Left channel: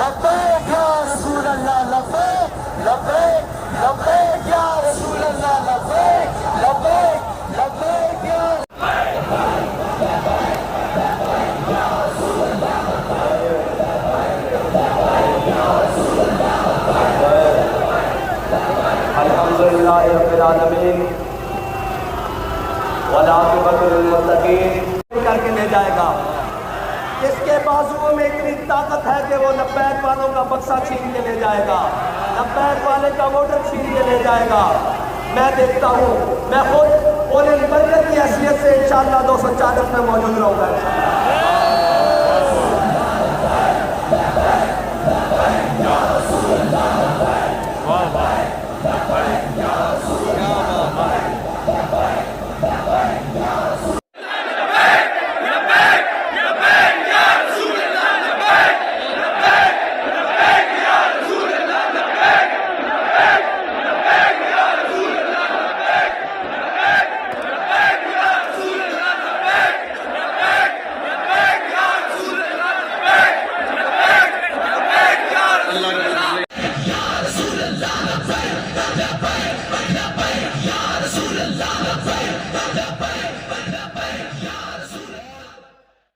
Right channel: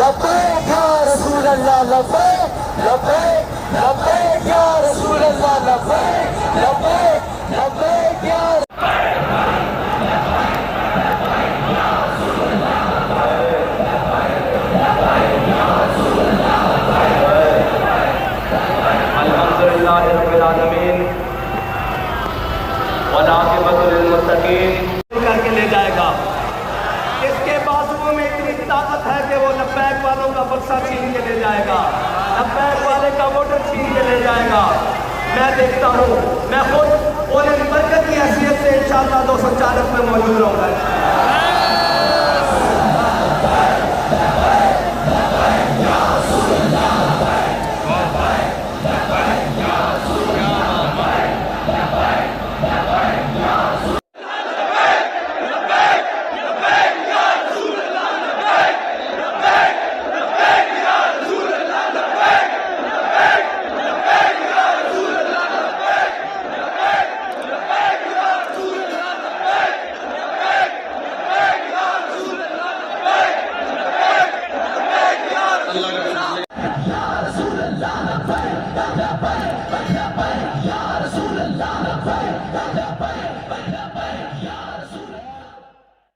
लब्बैक या रसूल अल्लाह लब्बैक लब्बैक लब्बैक या रसूल अल्लाह लब्बैक लब्बैक लब्बैक या करके ले जाएगा। इसके बाजुओं में इतनी ताकत है कि वो लब्बैक वालों का बक्सा छीन के ले जाएगा, लब्बैक वाले का वोटर छीन के ले जाएगा। मैं देखता हूँ, मैं खुद उन्हें बरकत की हैसियत से इंशाअल्लाह 240 में मौजूद रहूँगा।